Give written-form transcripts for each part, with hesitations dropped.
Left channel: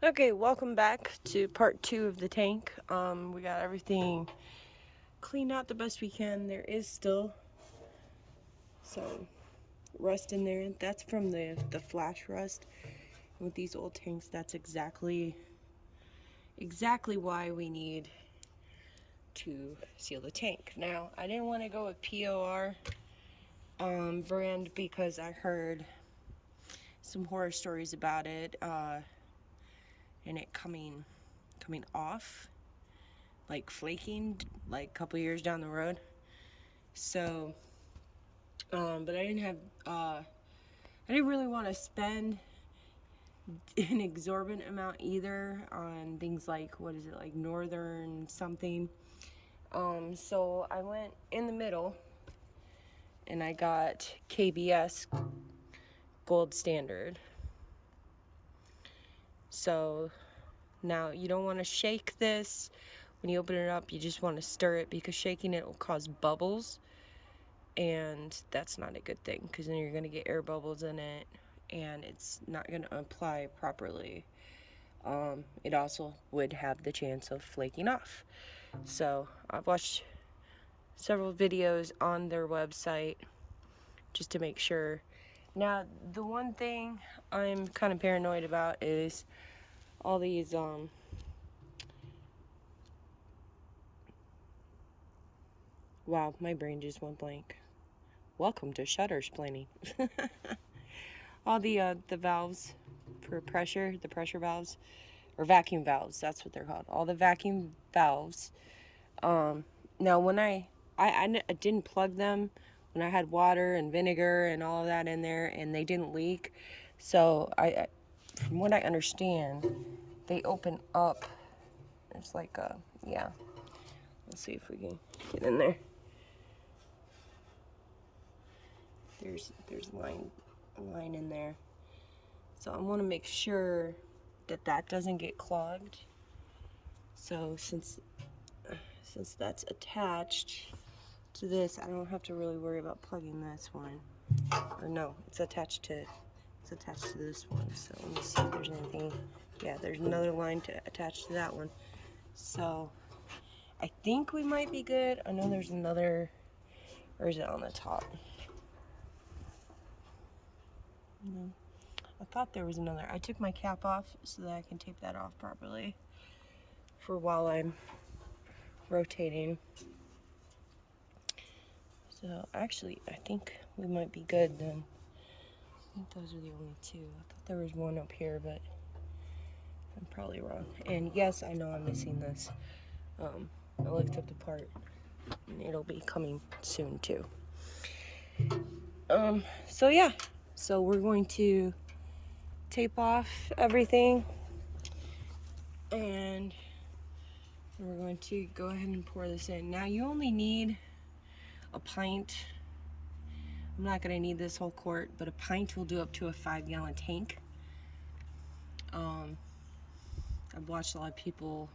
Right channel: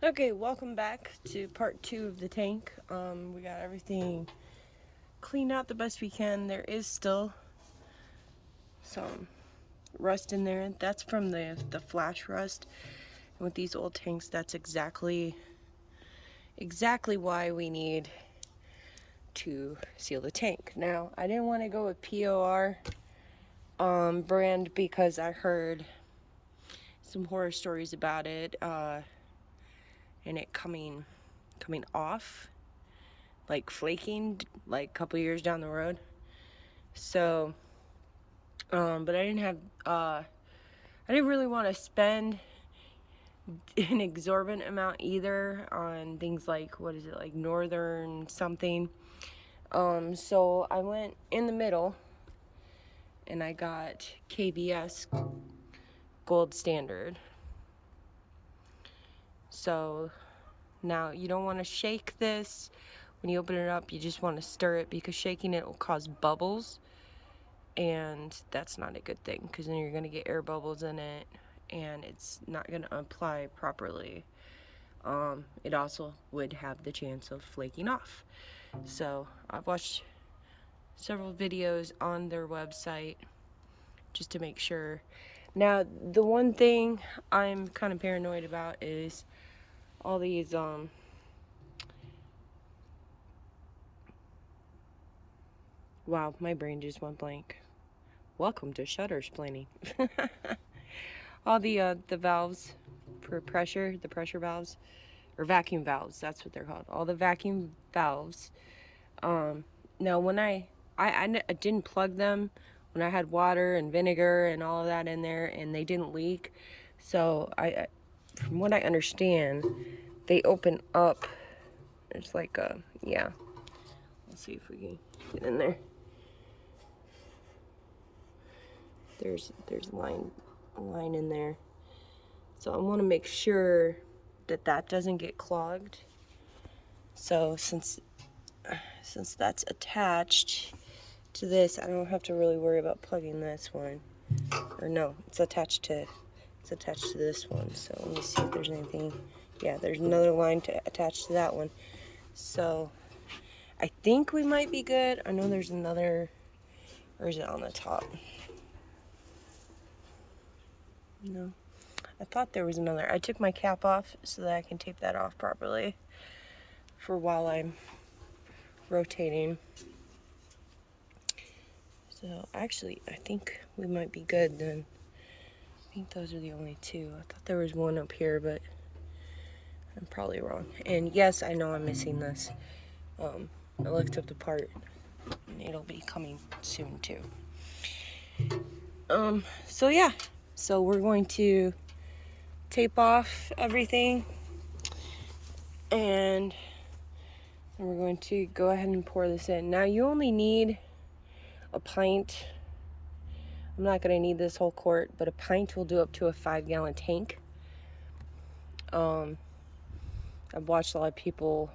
Okay, welcome back to part 2 of the tank. We got everything cleaned out the best we can. There is still some rust in there. That's from the flash rust. And with these old tanks, that's exactly why we need to seal the tank. Now, I didn't want to go with POR brand because I heard some horror stories about it and it coming off, like flaking, like a couple years down the road. So, but I didn't really want to spend an exorbitant amount either on things like, what is it, like Northern something. So I went in the middle and I got KBS Gold Standard. So now you don't want to shake this. When you open it up, you just want to stir it because shaking it will cause bubbles. And that's not a good thing because then you're going to get air bubbles in it and it's not going to apply properly. It also would have the chance of flaking off. So I've watched several videos on their website just to make sure. Now, the one thing I'm kind of paranoid about is all these wow, my brain just went blank. Welcome to Shuttersplaining. All the valves for pressure, the pressure valves, or vacuum valves, that's what they're called. All the vacuum valves. Now when I didn't plug them when I had water and vinegar and all of that in there, and they didn't leak. So from what I understand, they open up. It's like yeah. Let's see if we can get in there. There's a line in there. So I want to make sure that doesn't get clogged. So since that's attached to this, I don't have to really worry about plugging this one. Or no, it's attached to this one. So let me see if there's anything. Yeah, there's another line to attach to that one. So I think we might be good. I know there's another, or is it on the top? No, I thought there was another. I took my cap off so that I can tape that off properly for while I'm rotating. So actually, I think we might be good then. I think those are the only two. I thought there was one up here, but I'm probably wrong. And yes, I know I'm missing this. I looked up the part, and it'll be coming soon too. So yeah, so we're going to tape off everything, and we're going to go ahead and pour this in. Now you only need a pint. I'm not going to need this whole quart, but a pint will do up to a 5-gallon tank. I've watched a lot of people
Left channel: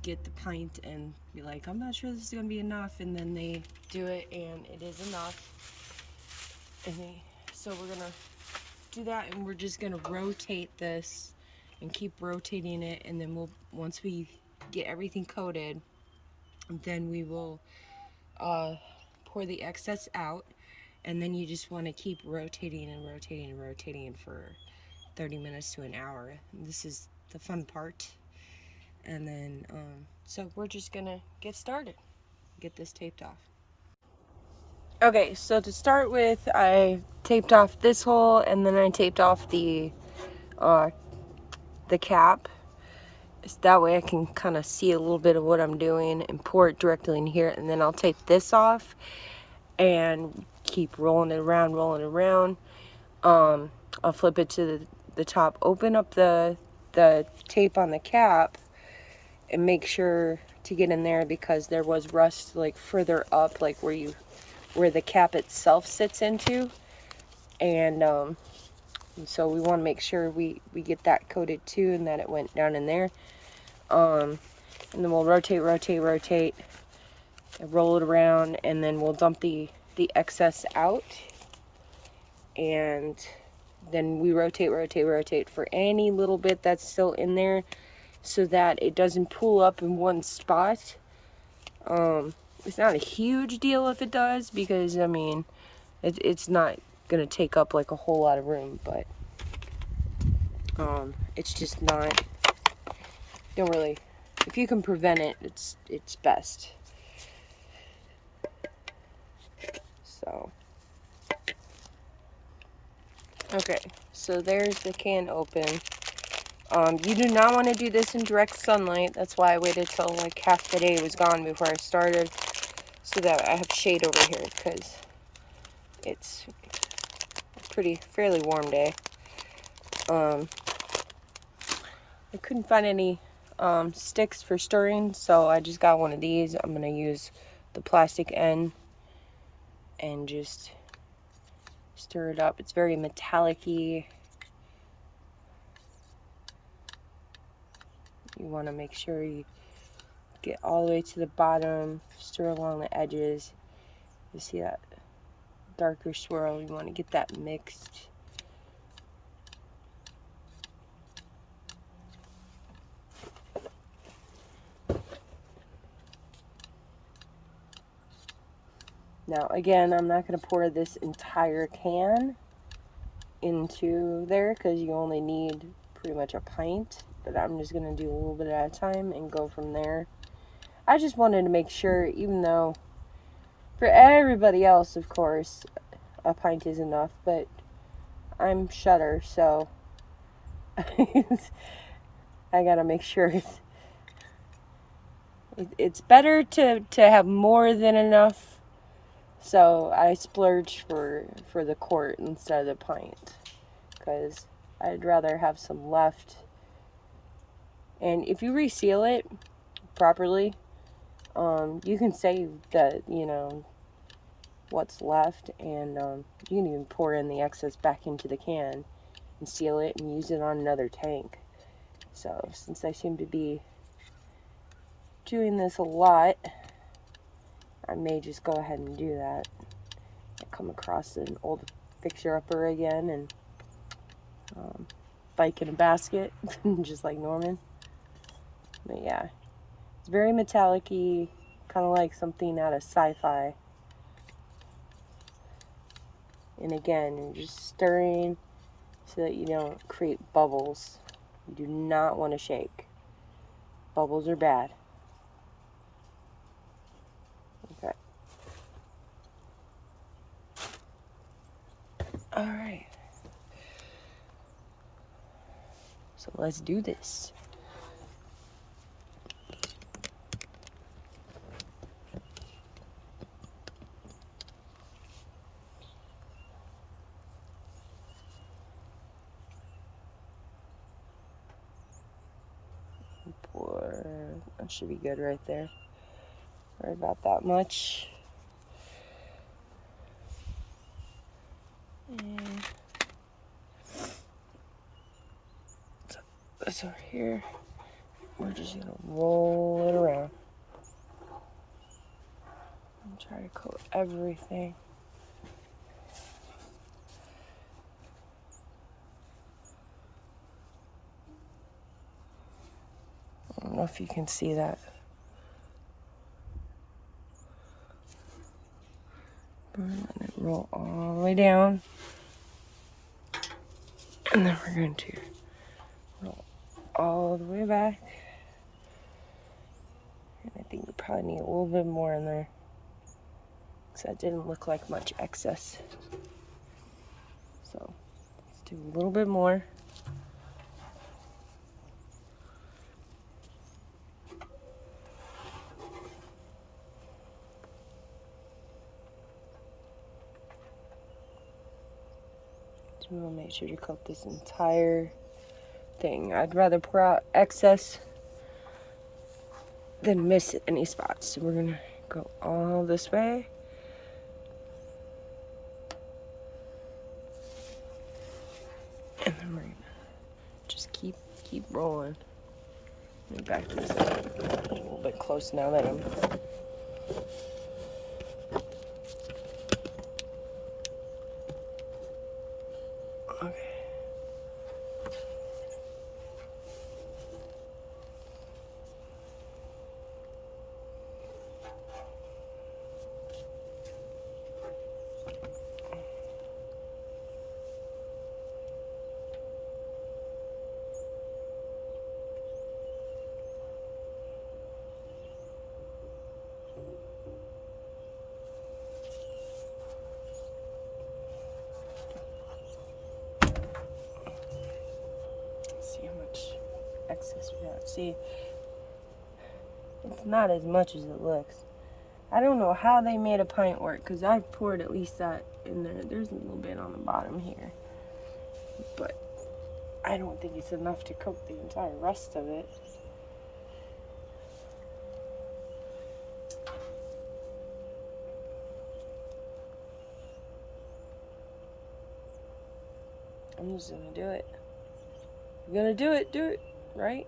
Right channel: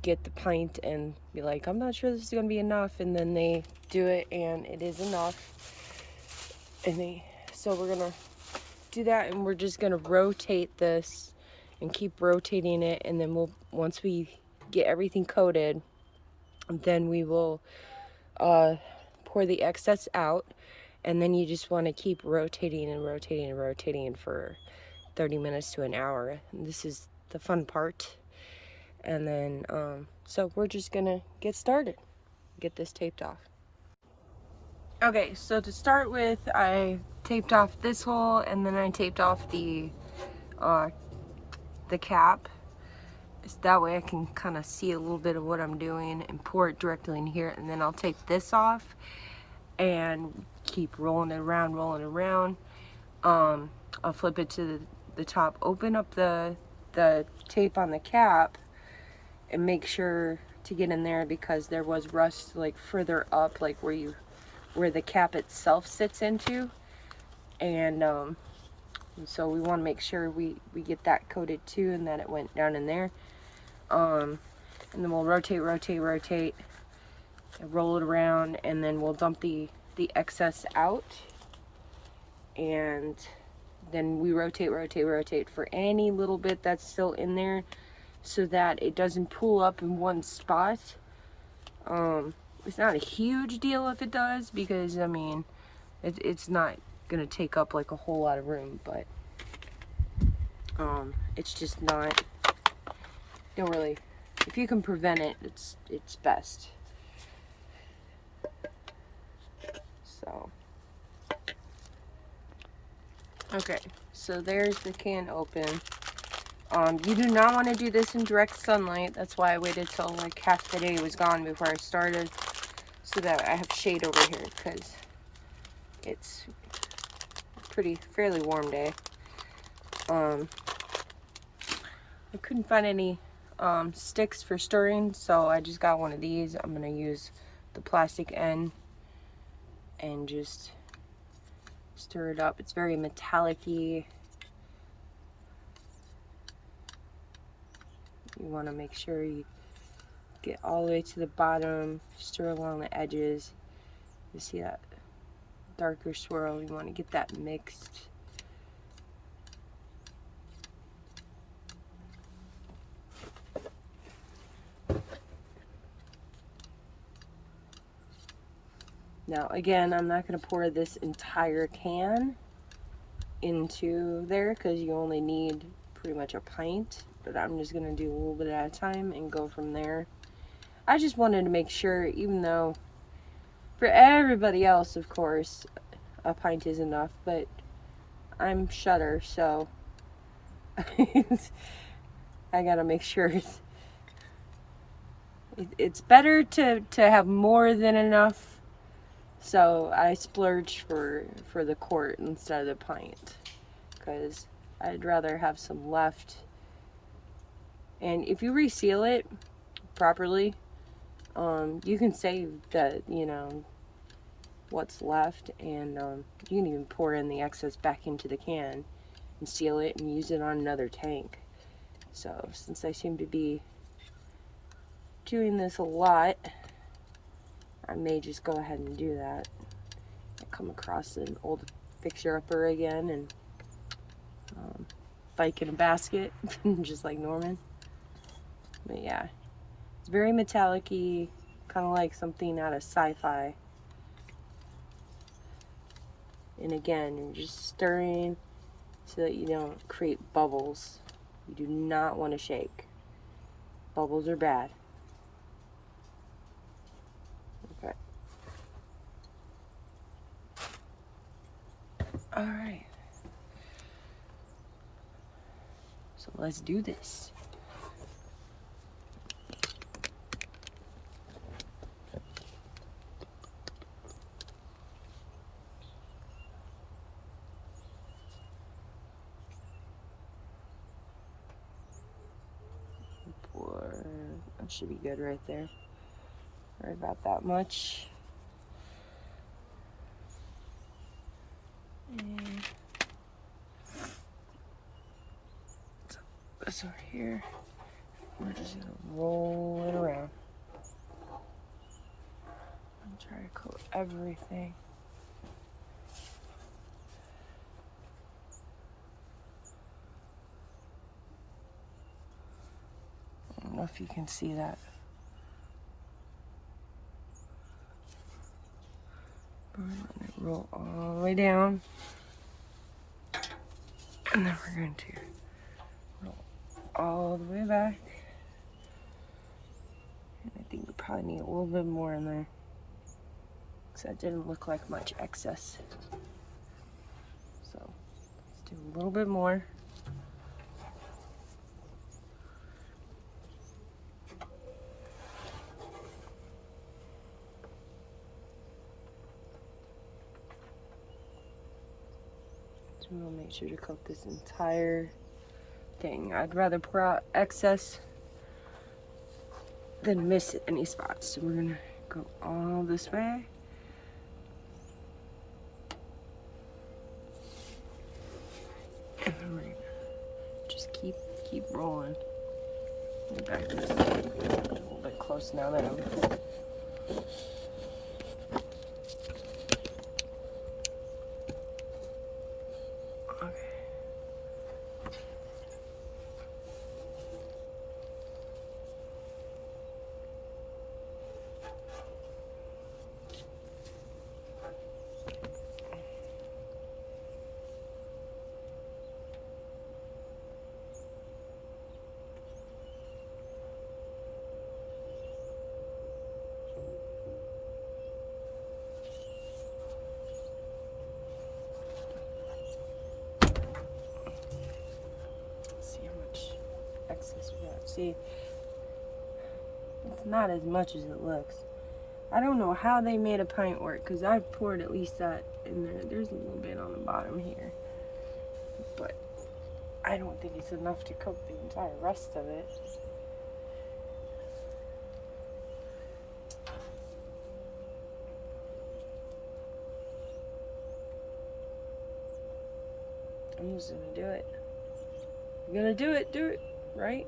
get the pint and be like, I'm not sure this is going to be enough, and then they do it and it is enough. So we're going to do that, and we're just going to rotate this and keep rotating it, and then once we get everything coated, then we will pour the excess out, and then you just want to keep rotating and rotating and rotating for 30 minutes to an hour. And this is the fun part. And then so we're just gonna get started, get this taped off. Okay, so to start with, I taped off this hole, and then I taped off the cap. So that way I can kind of see a little bit of what I'm doing and pour it directly in here, and then I'll tape this off and keep rolling it around. I'll flip it to the top, open up the tape on the cap, and make sure to get in there because there was rust like further up, like where the cap itself sits into, and so we want to make sure we get that coated too, and that it went down in there. And then we'll rotate, and roll it around, and then we'll dump the excess out, and then we rotate for any little bit that's still in there so that it doesn't pool up in one spot. It's not a huge deal if it does, because I mean, it's not gonna take up like a whole lot of room, but it's just not, don't really, if you can prevent it, it's best. So okay, so there's the can open. You do not want to do this in direct sunlight. That's why I waited till like half the day was gone before I started, so that I have shade over here, because it's a fairly warm day. I couldn't find any sticks for stirring, so I just got one of these. I'm gonna use the plastic end and just stir it up. It's very metallic-y. You want to make sure you get all the way to the bottom, stir along the edges. You see that darker swirl, you want to get that mixed. Now again, I'm not going to pour this entire can into there because you only need pretty much a pint, but I'm just going to do a little bit at a time and go from there. I just wanted to make sure, even though for everybody else, of course, a pint is enough, but I'm Shutter, so I gotta make sure it's better to have more than enough, so I splurge for the quart instead of the pint, because I'd rather have some left. And if you reseal it properly, you can save the, you know, what's left, and you can even pour in the excess back into the can and seal it and use it on another tank. So since I seem to be doing this a lot, I may just go ahead and do that. I come across an old fixer-upper again, and bike in a basket, just like Norman. But yeah, it's very metallic-y, kind of like something out of sci-fi. And again, you're just stirring so that you don't create bubbles. You do not want to shake. Bubbles are bad. Okay. Alright. So let's do this. That should be good right there. Right about that much. And so this over here. We're just gonna roll it around and try to coat everything. I don't know if you can see that. Let it roll all the way down. And then we're going to roll all the way back. And I think we probably need a little bit more in there, because that didn't look like much excess. So let's do a little bit more. So we'll make sure to coat this entire thing. I'd rather pour out excess than miss any spots. So we're gonna go all this way. And then we're gonna just keep rolling. We're back this way. A little bit close now that I'm okay. see. It's not as much as it looks. I don't know how they made a pint work, because I've poured at least that in there. There's a little bit on the bottom here. But I don't think it's enough to cook the entire rest of it. I'm just gonna do it. You're gonna do it, right?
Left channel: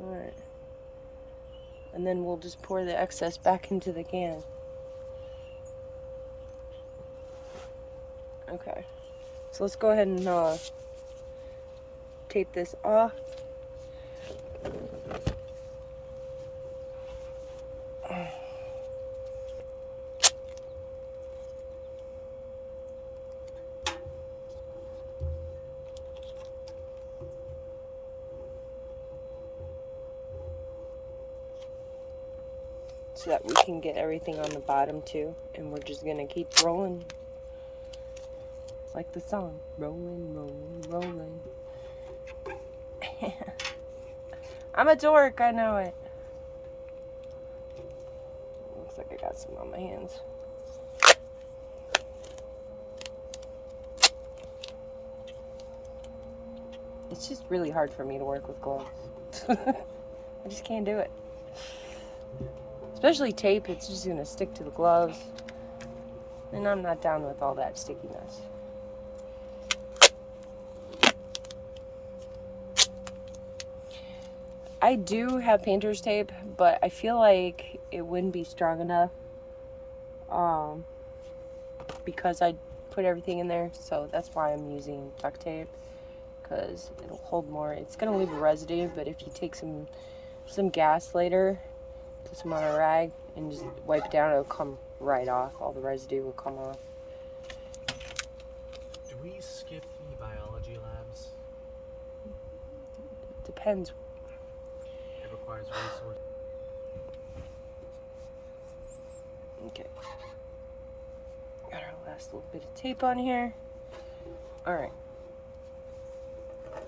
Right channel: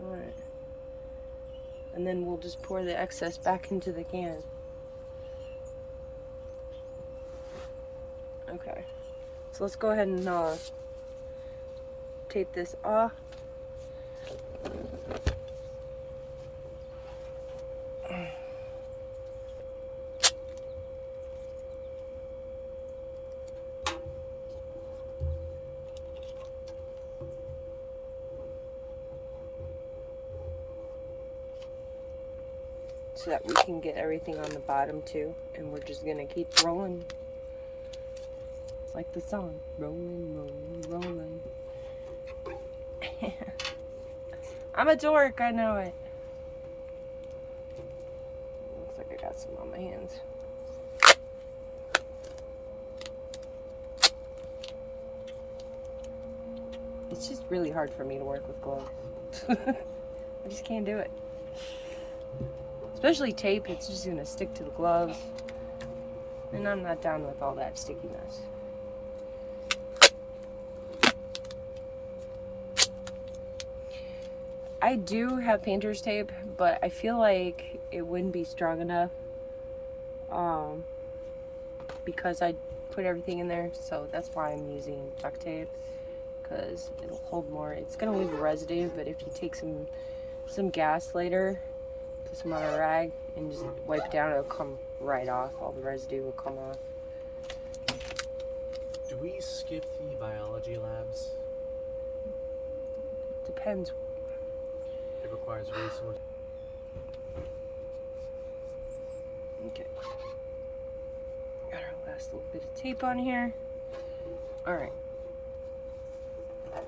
Alright. And then we'll just pour the excess back into the can. Okay. So let's go ahead and tape this off. So that we can get everything on the bottom too, and we're just gonna keep rolling like the song, rolling, rolling, rolling. I'm a dork, I know it. Looks like I got some on my hands. It's just really hard for me to work with gloves. I just can't do it. Especially tape, it's just gonna stick to the gloves. And I'm not down with all that stickiness. I do have painter's tape, but I feel like it wouldn't be strong enough because I put everything in there, so that's why I'm using duct tape, because it'll hold more. It's gonna leave a residue, but if you take some gas later, some on a rag and just wipe it down, it'll come right off. All the residue will come off. Do we skip the biology labs? Depends. It requires resource. Okay. Got our last little bit of tape on here. Alright.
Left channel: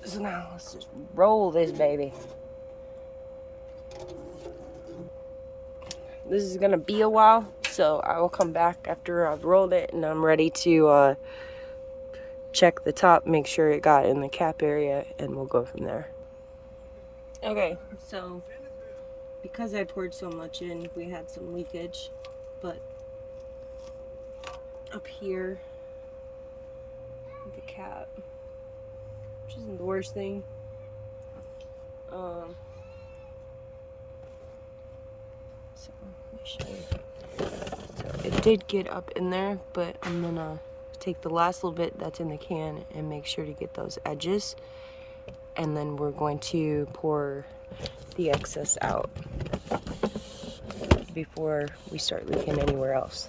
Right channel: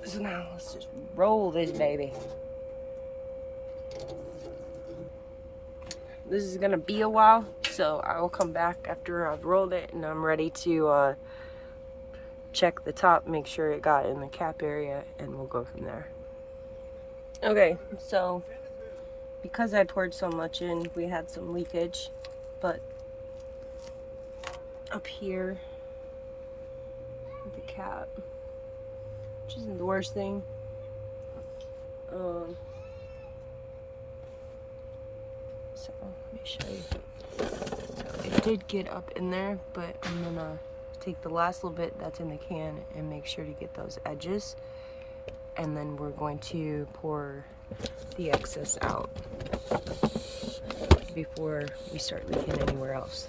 So now let's just roll this baby. This is gonna be a while, so I will come back after I've rolled it and I'm ready to check the top, make sure it got in the cap area, and we'll go from there. Okay, so because I poured so much in, we had some leakage, but up here with the cap, which isn't the worst thing. So let me show you. So it did get up in there, but I'm gonna take the last little bit that's in the can and make sure to get those edges, and then we're going to pour the excess out before we start leaking anywhere else.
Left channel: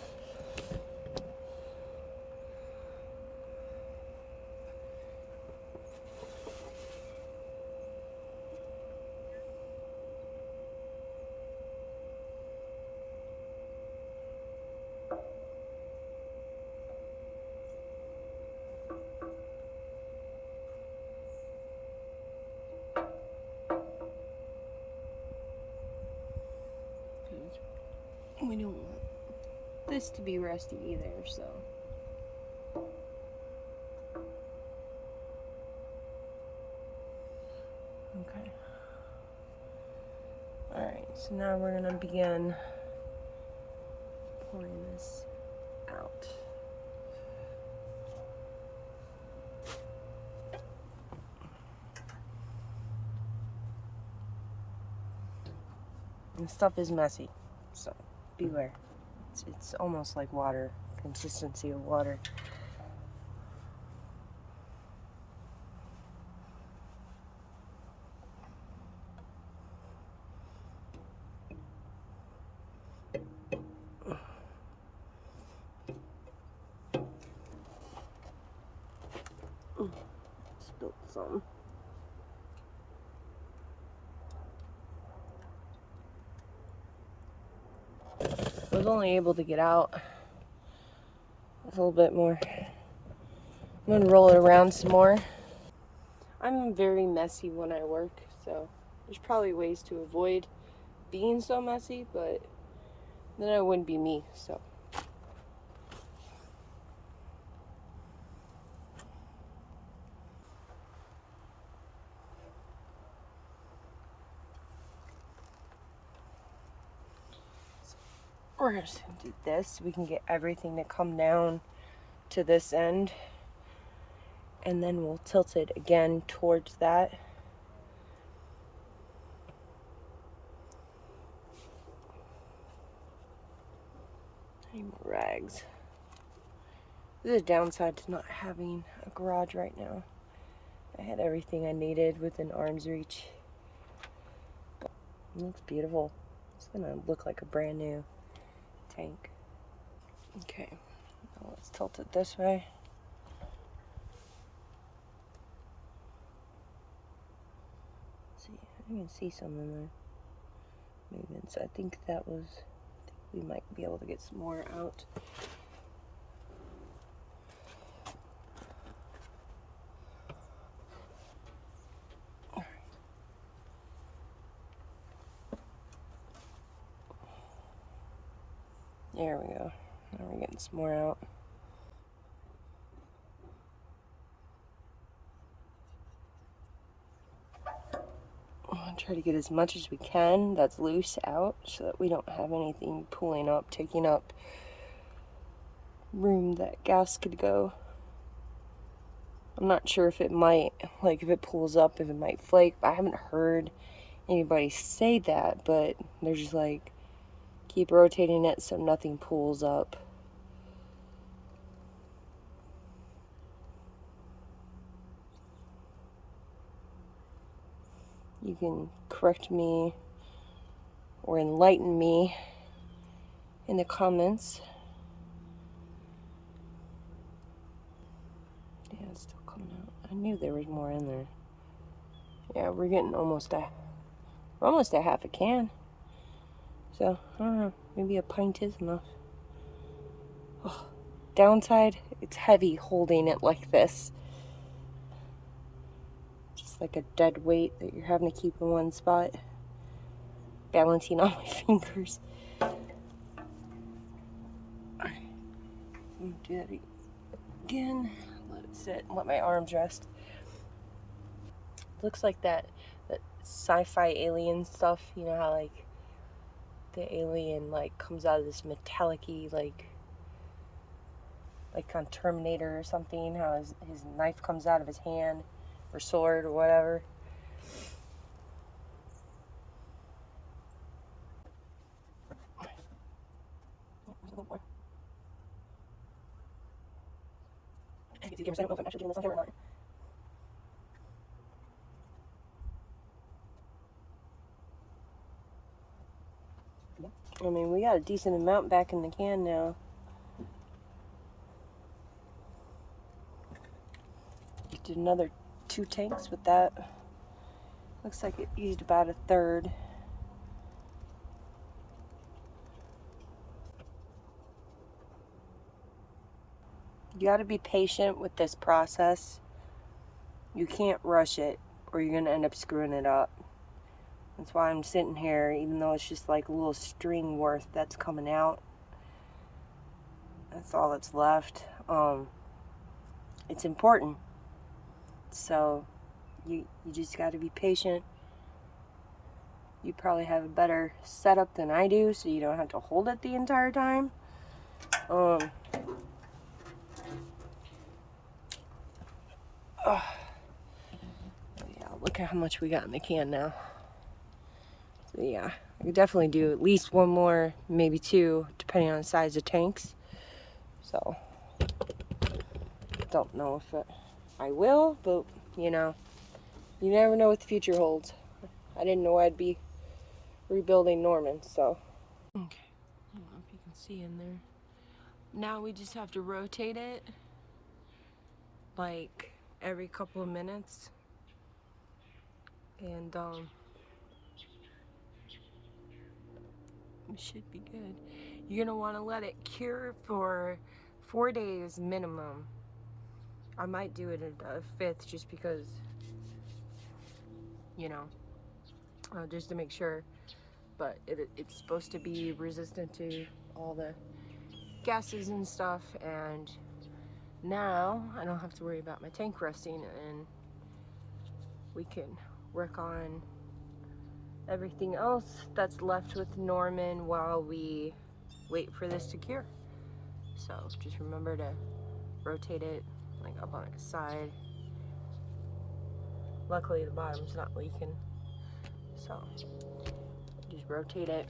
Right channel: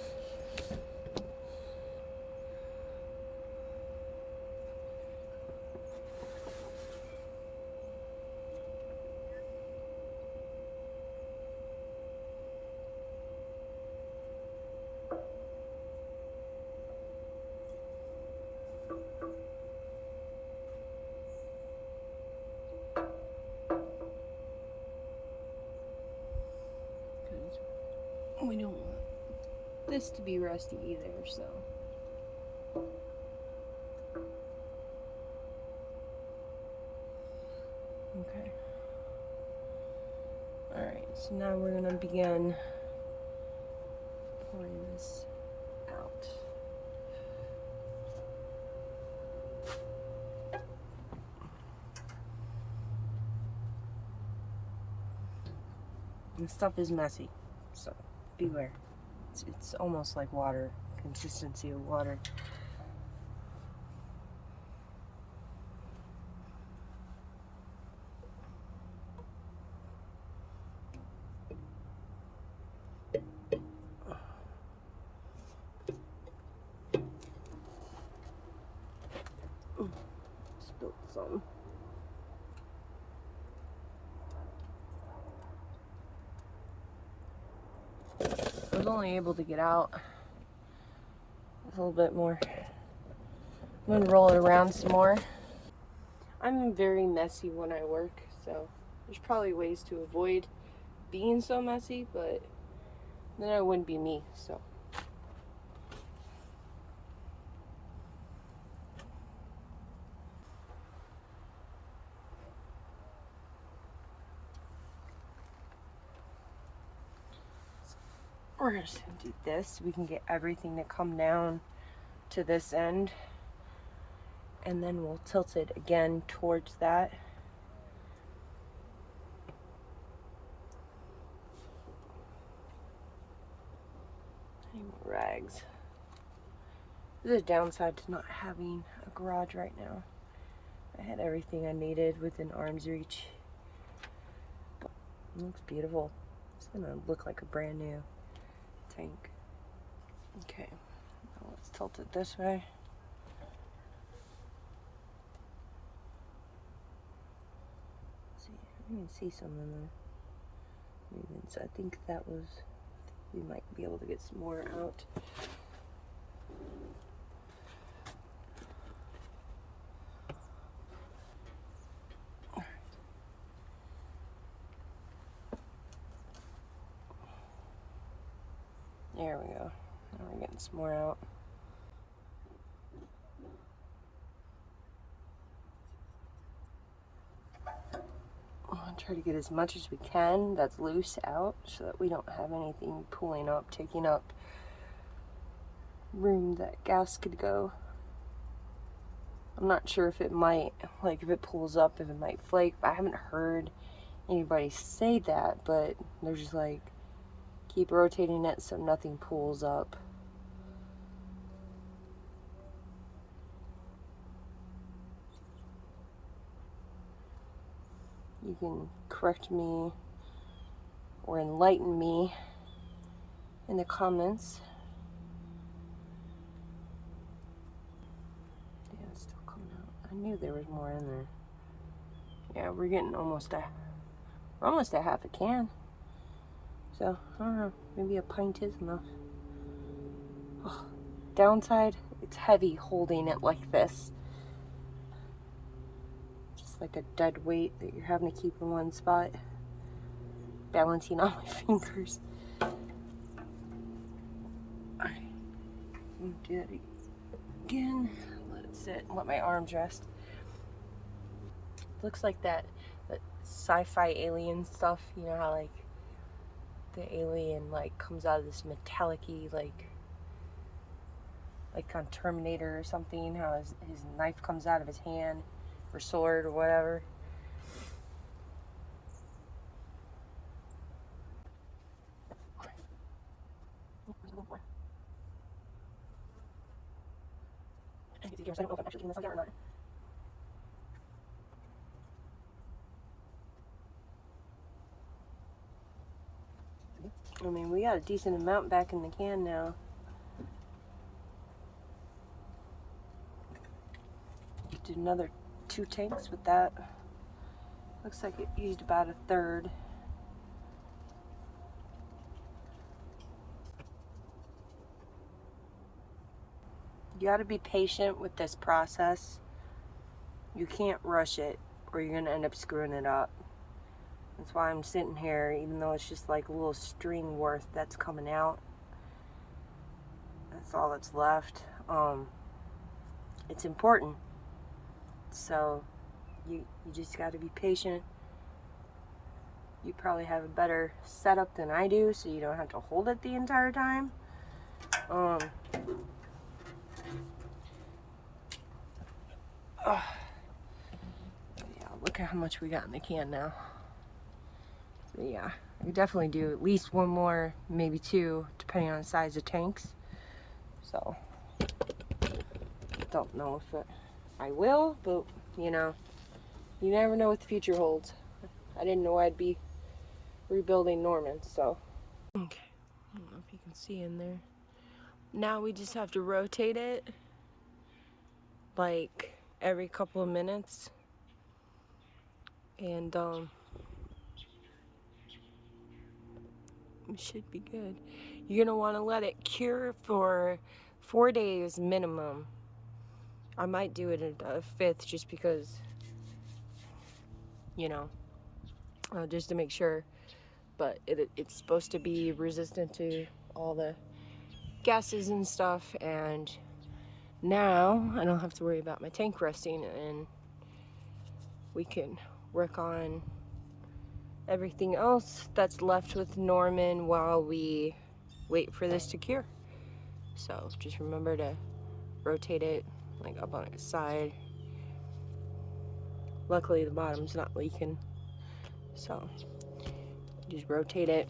We don't want this to be rusty either, so. Okay. Alright, so now we're gonna begin pouring this out. And stuff is messy, so beware. It's almost like water, consistency of water. Spilled some. I was only able to get out a little bit more. I'm gonna roll it around some more. I'm very messy when I work, so there's probably ways to avoid being so messy, but then I wouldn't be me, so. We're just gonna do this so we can get everything to come down to this end, and then we'll tilt it again towards that. Any more rags. This is a downside to not having a garage right now. I had everything I needed within arm's reach. It looks beautiful. It's gonna look like a brand new tank. Okay, now let's tilt it this way. See, I can see some in the movements. I think that was, we might be able to get some more out. There we go. Now we're getting some more out. I'm gonna try to get as much as we can that's loose out so that we don't have anything pulling up, taking up room that gas could go. I'm not sure if it might, like if it pulls up, if it might flake. I haven't heard anybody say that, but they're just like, keep rotating it so nothing pulls up. You can correct me or enlighten me in the comments. Yeah, it's still coming out. I knew there was more in there. Yeah, we're getting almost at half a can. So, I don't know, maybe a pint is enough. Ugh. Downside, it's heavy holding it like this. Just like a dead weight that you're having to keep in one spot. Balancing on my fingers. Do it again. Let it sit and let my arms rest. Looks like that sci-fi alien stuff, you know how like the alien like comes out of this metallic-y like on Terminator or something, how his knife comes out of his hand or sword or whatever. I mean, we got a decent amount back in the can now. Did another 2 tanks with that. Looks like it used about a third. You got to be patient with this process. You can't rush it or you're going to end up screwing it up. That's why I'm sitting here, even though it's just like a little string worth that's coming out. That's all that's left. It's important. So you just got to be patient. You probably have a better setup than I do, so you don't have to hold it the entire time. Oh, yeah, look at how much we got in the can now. So yeah, I could definitely do at least 1 more, maybe 2, depending on the size of tanks. So, don't know if I will, but you know, you never know what the future holds. I didn't know I'd be rebuilding Norman, so. Okay, I don't know if you can see in there. Now we just have to rotate it like every couple of minutes, and it should be good. You're gonna want to let it cure for 4 days minimum. I might do it a 5th just because you know, just to make sure. But it's supposed to be resistant to all the gases and stuff, and now I don't have to worry about my tank rusting, and we can work on everything else that's left with Norman while we wait for this to cure. So just remember to rotate it like up on its side. Luckily the bottom's not leaking, so just rotate it.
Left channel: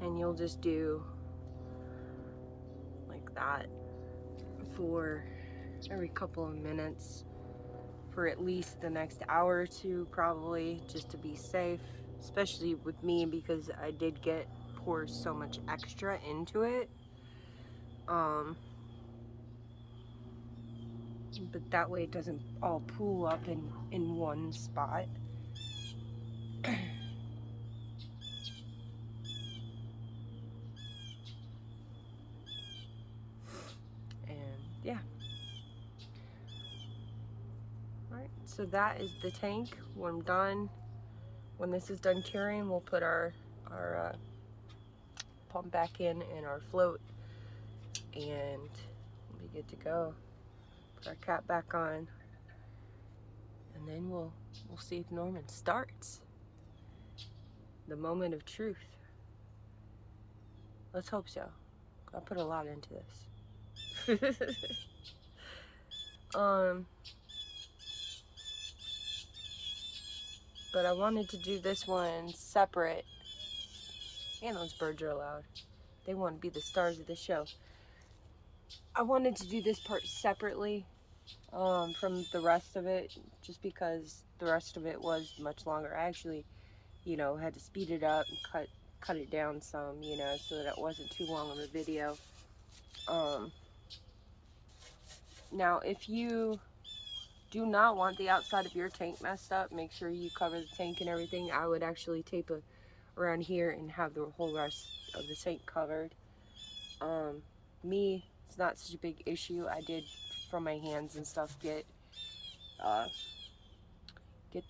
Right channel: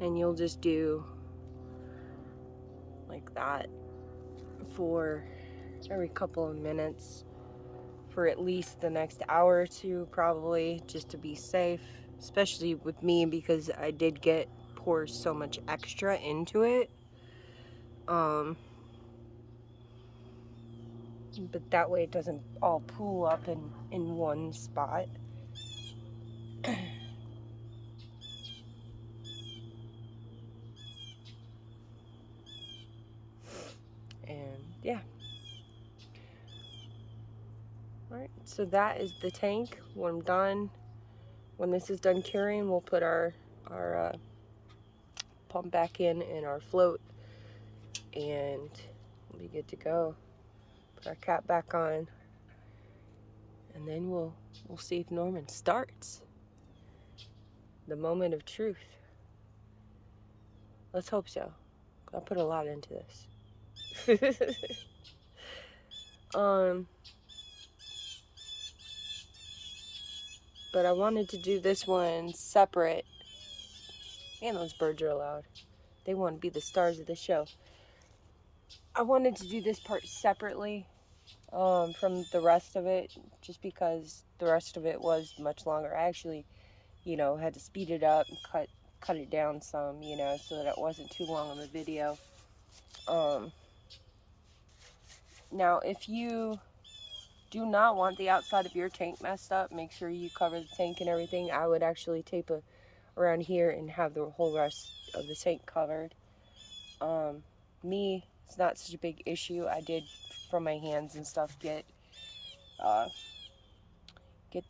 And you'll just do like that for every couple of minutes for at least the next hour or two, probably, just to be safe, especially with me because I did pour so much extra into it. But that way it doesn't all pool up in one spot. And yeah. Alright, so that is the tank. When I'm done, when this is done curing, we'll put our pump back in our float, and we'll be good to go. Put our cap back on, and then we'll see if Norman starts. The moment of truth. Let's hope so. I put a lot into this. But I wanted to do this one separate. And those birds are loud. They want to be the stars of the show. I wanted to do this part separately from the rest of it, just because the rest of it was much longer. I actually, had to speed it up and cut it down some, so that it wasn't too long of a video. Now, if you do not want the outside of your tank messed up, make sure you cover the tank and everything. I would actually tape around here and have the whole rest of the tank covered. Me, it's not such a big issue. I did, from my hands and stuff, get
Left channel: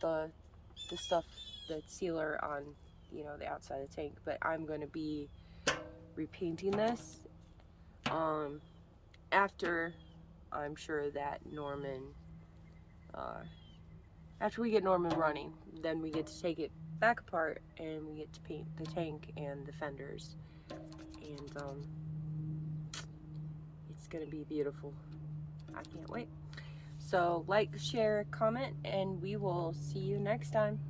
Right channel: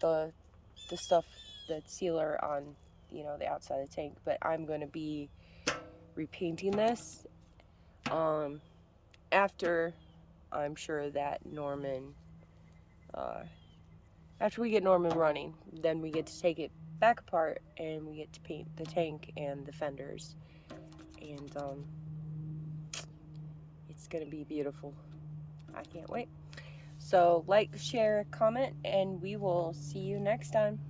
the stuff, the sealer on, the outside of the tank. But I'm going to be repainting this after I'm sure that after we get Norman running, then we get to take it back apart and we get to paint the tank and the fenders. And it's gonna be beautiful. I can't wait. So like, share, comment, and we will see you next time.